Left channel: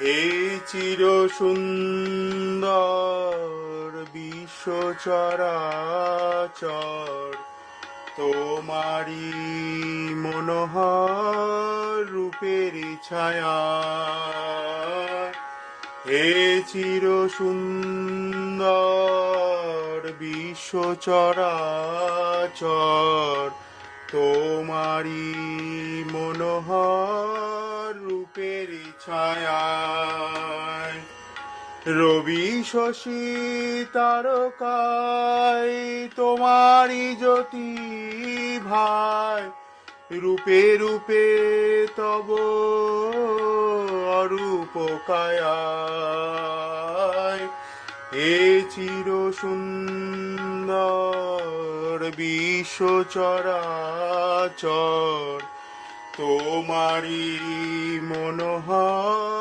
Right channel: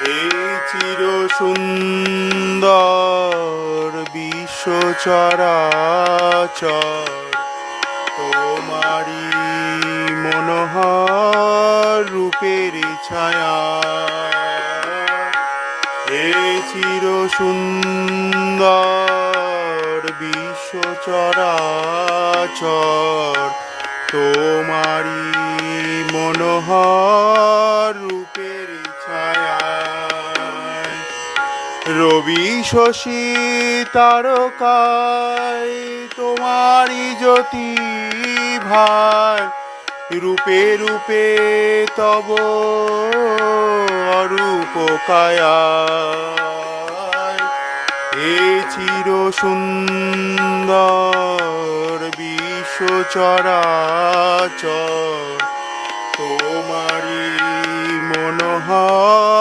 হে চির সুন্দর বিশ্ব চরাচর, তোমারি মনোহর রূপের ছায়া। হে চির সুন্দর বিশ্ব চরাচর, তোমারি মনোহর রূপের ছায়া। রবি শশী তারকায় তোমারি জ্যোতি ভাই, রূপে রূপে তব অরূপ কায়া। হে চির সুন্দর বিশ্ব চরাচর, তোমারি মনোহর